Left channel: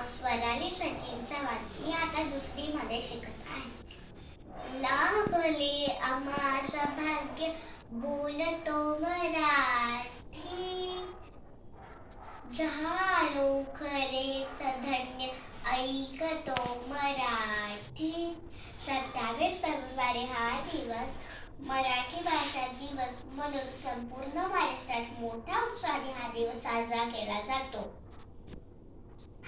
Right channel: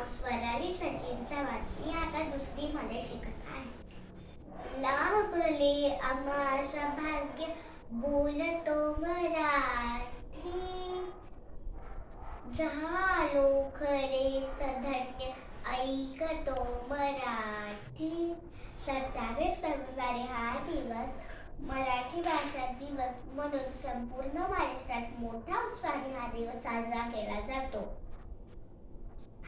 नाव स्वराली सचिन चव्हाण. मी आता दुसरीमध्ये शिकत आहे. लाभले आम्हास भाग्य बोलतो मराठी, झालो खरेच धन्य ऐकतो मराठी. 27 फेब्रुवारी हा दिवस मराठी भाषा दिवस म्हणून संपूर्ण महाराष्ट्रात मोठ्या उत्साहाने हा दिवस साजरा केला जातो.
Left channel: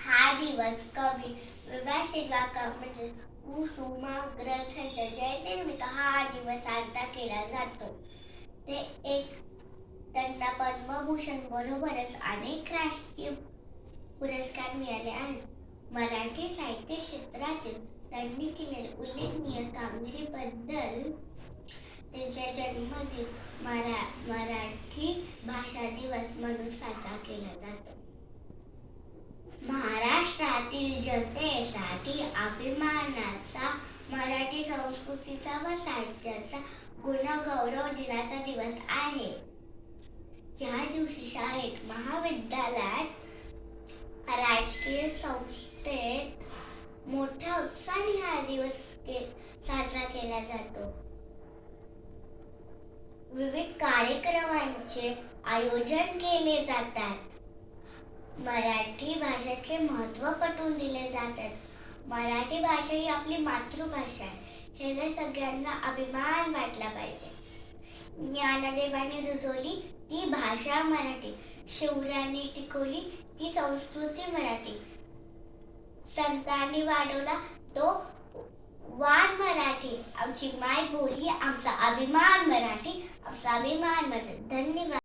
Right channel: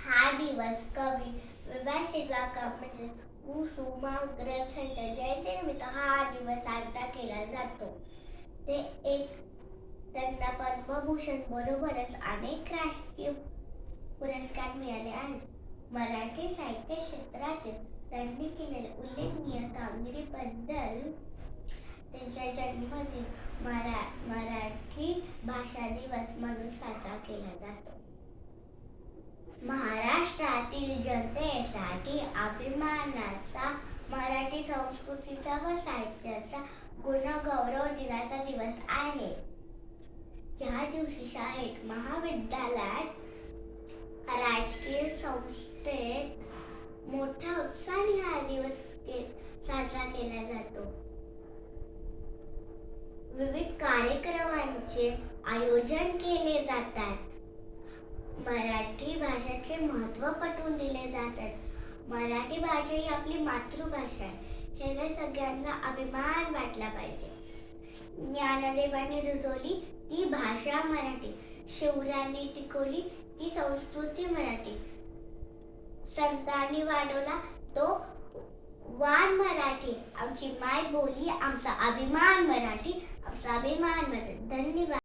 हा दिवस कवी वि. शिरवाडकर म्हणजे कुसुमाग्रज यांच्या जयंतीनिमित्त हा दिवस साजरा केला जातो. त्यांना पद्मभूषण बरोबरच अनेक राष्ट्रीय पुरस्कार मिळाले आहेत. मराठी साहित्य क्षेत्रातील त्यांनी केलेल्या उल्लेखनीय कामगिरीबद्दल त्यांच्या जन्मदिन मराठी भाषा दिवस म्हणून साजरा केला जातो. महाराष्ट्रातील जनतेसाठी अभिमानाचा मराठी संस्कृतीचा व साहित्याचा गुणगौरव दिनाचा दिवस आहे. या दिवशी शाळेत, महाविद्यालयात, राजकीय संस्थेत मोठ्या उत्साहाने हा दिवस साजरा केला जातो. विविध कार्यक्रमांचे आयोजन केले जातात. मराठी भाषेचे महत्त्व पटवून दिले जातात. मराठी भाषा ही आपली मातृभाषा आहे, याला सगळ्यांना अभिमान वाटला पाहिजे. ज्ञानदेवाने रुजवली ती भाषा मराठी, शिवरायांनी टिकवली ती संस्कृती मराठी, संतांनी वाढवला तो वाण मराठी. आमची माय बोली, आमचा अभिमान मराठी, आमचा अभिमान मराठी. धन्यवाद.